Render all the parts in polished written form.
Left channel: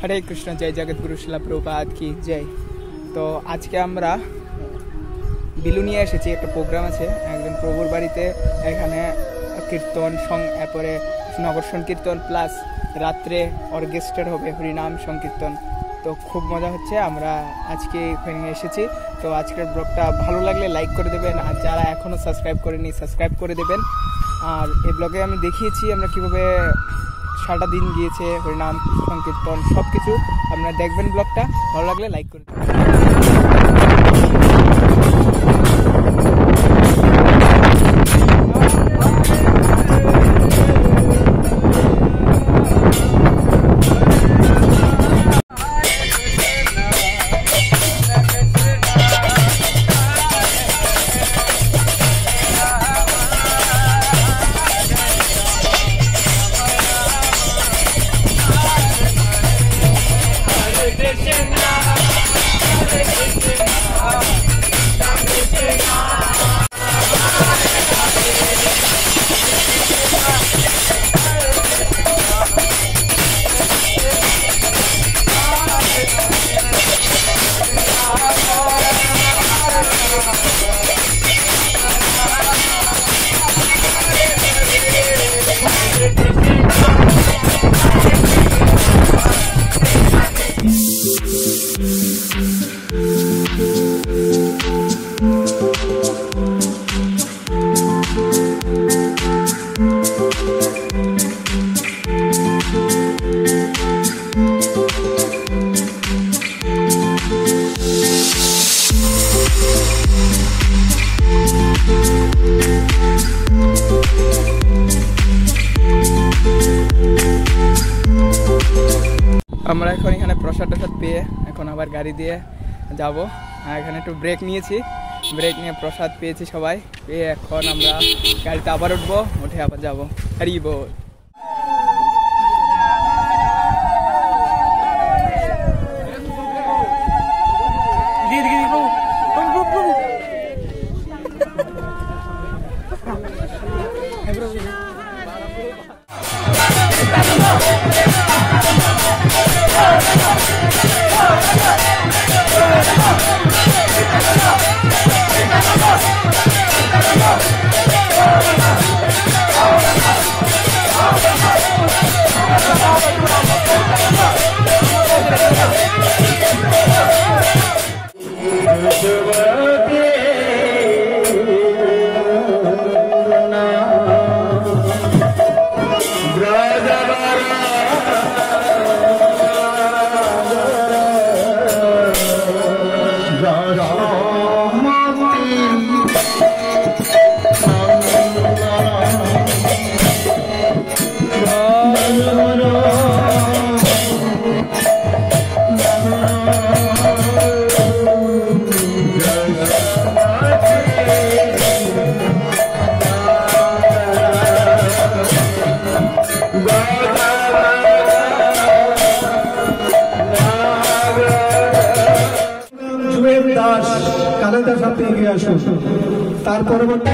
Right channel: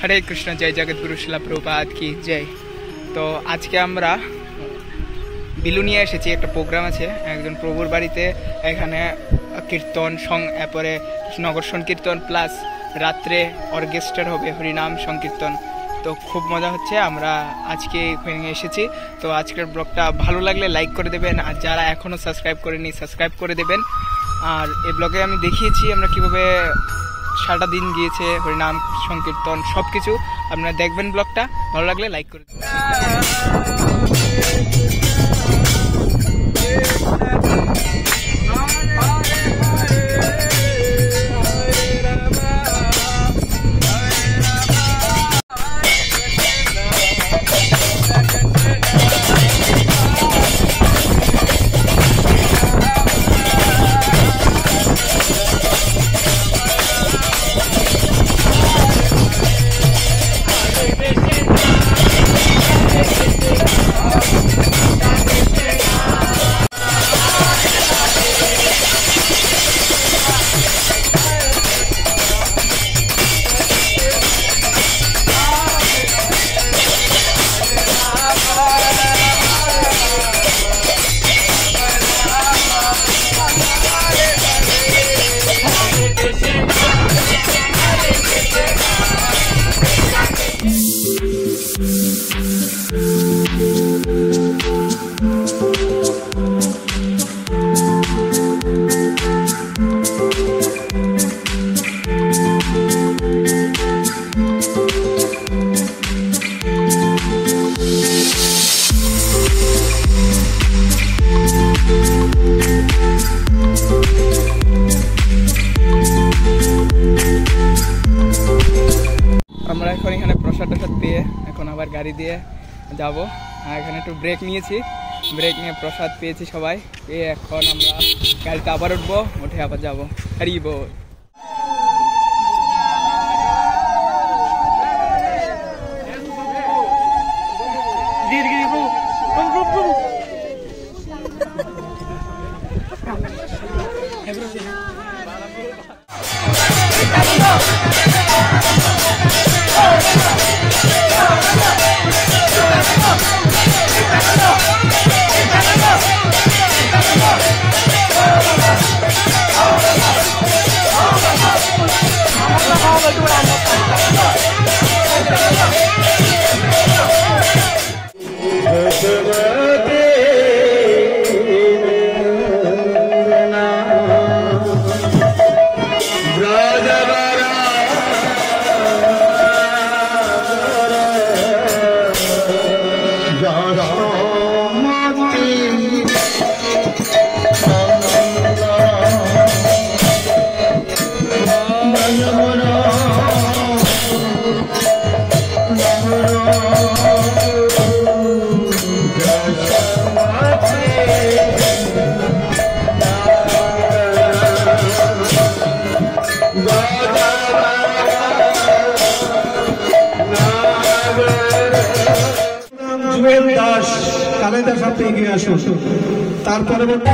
হরে কৃষ্ণ, জয় জগৎগুরু শিলা প্রভুপাদ কি জয়। তো আজকে আমরা বিলুনিয়া এসেছি, একটা প্রোগ্রাম আছে একজন প্রভুর বাড়িতে। এখানে কীর্তন এরপরে নগর সংকীর্তন প্লাস রাত্রে অর্কেস্ট্রার হবে, হরিনাম সংকীর্তন। তো খুব মজা হচ্ছে, আমরা আজকে এখানে এসেছি। তো আজকের ব্লগটা ভালো লাগলে লাইক করে দেবেন, আর যারা এখনও সাবস্ক্রাইব করেনি সাবস্ক্রাইব করে দেবেন। আর এই ব্লগে আমি দেখিয়েছি আমরা কীভাবে সারাটা দিন গিয়েছে, হরিনাম সংকীর্তন সব কিছু আপনারা দেখবেন। ব্লগটা ভালো লাগলে লাইক করে দেবেন। আমরা এখন এখানে প্রসাদ পেয়ে এখন আবার গাড়ি দিয়ে যাব। এখানে একটু ব্রেক নিয়েছি, ব্রেক নিয়ে প্রসাদ পেয়েছি সবাই পেয়ে এখন আমরা গাড়িতে আবার উঠবো, উঠে আবার যাবো। হরি বল। দাস তাদের সাথে এগিয়ে আসুন। তার পরবর্তী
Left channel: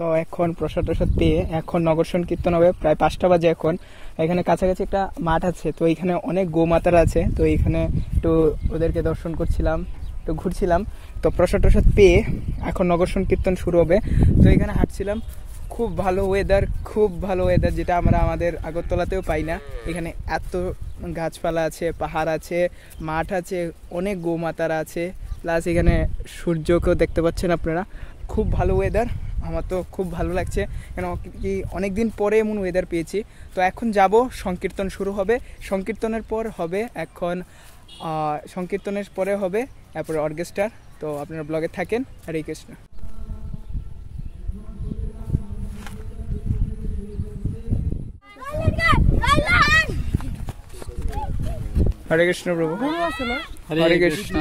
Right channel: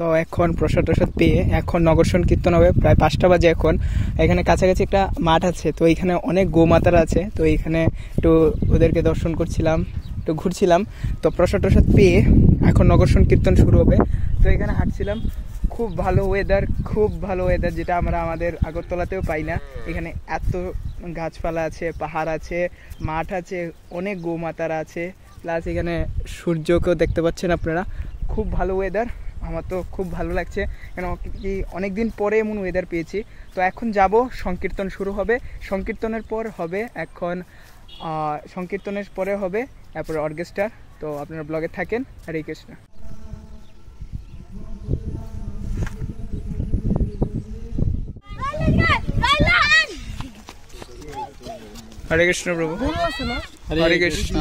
তো এখন প্রসাদ পেয়ে এখন নগর সংকীর্তন হবে, প্রায় 5টা বাজে। এখন এখানে কাছাকাছি একটা মাঠ আছে, তো এইখানে অনেক গোমাতারা আছে, তো এইখানে একটু ওদেরকে দর্শন করছিলাম, একটু ঘুরছিলাম। তো প্রসাদ পেয়ে এখন নগর সংকীর্তন শুরু হবে। তো এখানে হাঁটছিলাম, খুব ভালো ওয়েদার, খুব ভালো ওয়েদার, যেটা আমরা আমাদের আগরতলাতেও পাই না। এখানে এত গাছপালা আছে, পাহাড় আছে, মাঠ আছে, অনেক গোমাতারা আছে, প্লাস এখানে সূর্যকেও দেখতে পাচ্ছেন আপনারা। খুব ভালো ওয়েদার। আমার তো খুব ভালো লাগছে, কেন কি অনেক দিন পরে এমন ওয়েদার পেয়েছি। তো এখন যাব, সংকীর্তন শুরু হবে, সংকীর্তনের পর হবে এখন সংকীর্তনের পরে হবে তারপরে অর্কেস্ট্রা। তো আপনারা ব্লগে থাকেন। হরে কৃষ্ণ। হরে কৃষ্ণ প্রভু, হরে কৃষ্ণ।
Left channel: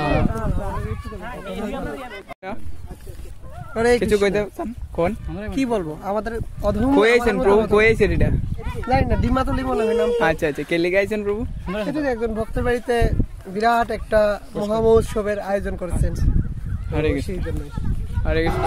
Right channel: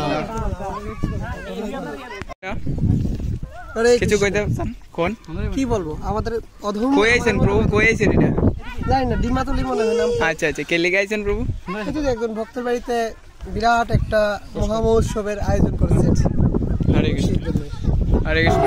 কিছু কইতে চান? কোন কি বলবো, আমাদের অধম কইছেন প্রভু, কইছেন এটা জানি না, ডিমাতলি মনে হয় নাম। আচ্ছা আচ্ছা, কে লিখাইছেন প্রভু? এটা যে একজন ভক্তের বাড়িতে বিরাট একটা মহামহোৎসবের আয়োজন করেছে। হরে কৃষ্ণ, হরে Krishna.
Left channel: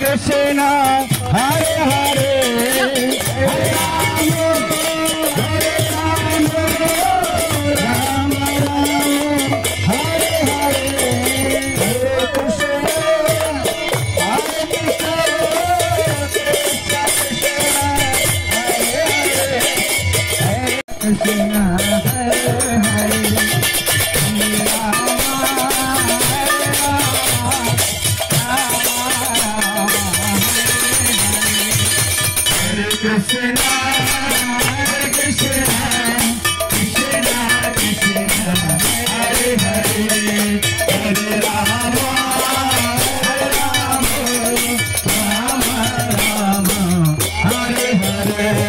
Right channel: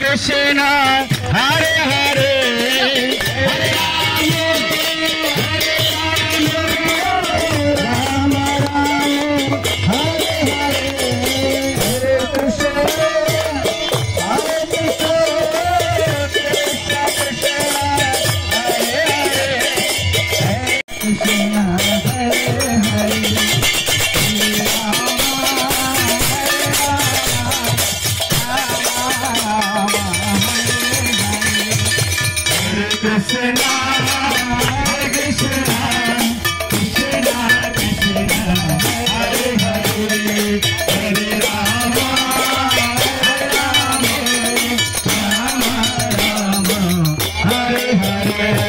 Krishna, Hare Hare, Hare Ram, Hare Hare, Hare Krishna, Hare Krishna, Krishna Hare Hare, Hare Krishna, Hare Krishna, Krishna Krishna, Hare Hare, Hare Rama, Hare Rama, Rama Rama, Hare Hare.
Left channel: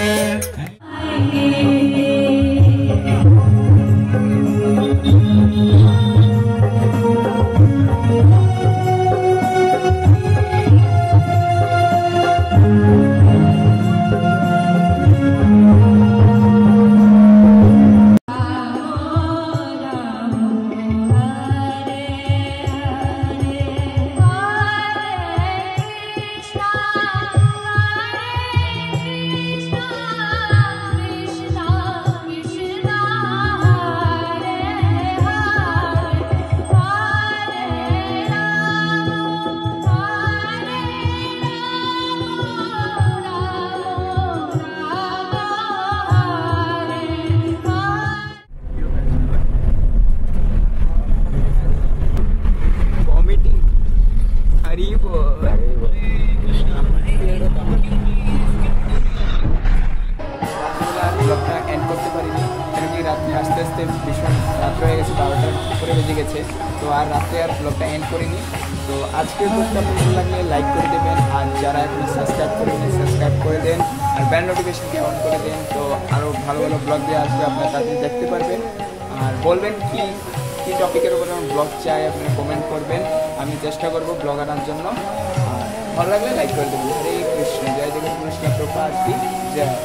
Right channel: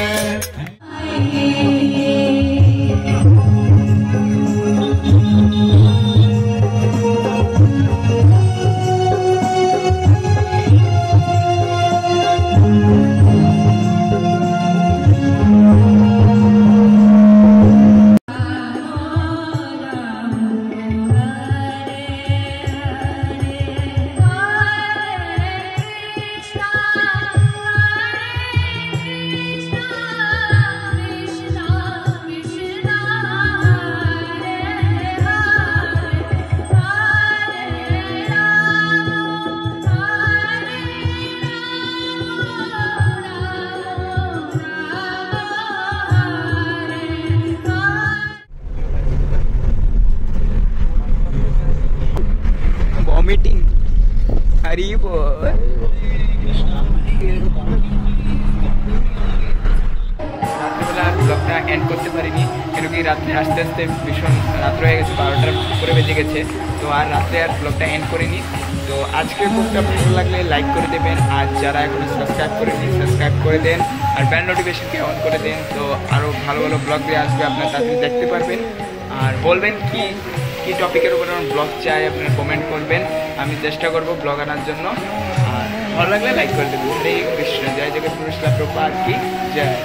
ভমিটিং, হরি বল। রাত্রেবেলা ব্লগটা এন্ড করতে পারিনি, কেন কি রাত্রে আস্তে আস্তে ভীষণ রাত্র হয়ে গেছে, 12টার উপরে বেজে গেছে। তো আর রাত্রে আর ব্লগটা এন্ড করিনি। তো আজকের ব্লগটা আপনার ভালো লাগলে লাইক করে দেবেন, আর যারা এখনো সাবস্ক্রাইব করেনি সাবস্ক্রাইব করে দেন, আর বেল নোটিফিকেশনকে অন করে দেন। তো আরও ভালো ভালো ব্লগ দিয়ে আসবে, আপনারা তাড়াতাড়ি দেখতে পারবেন। আর বলবেন কি কি টপিকের উপর আমার ব্লগ চাই, আপনারা কমেন্ট করবেন, আমি চেষ্টা করব ব্লগ আনার জন্য। আর ভালো লাগলে লাইক করে দেবেন। হরে কৃষ্ণ, জয় জগৎগুরু শিলা প্রভুপাদ কি জয়।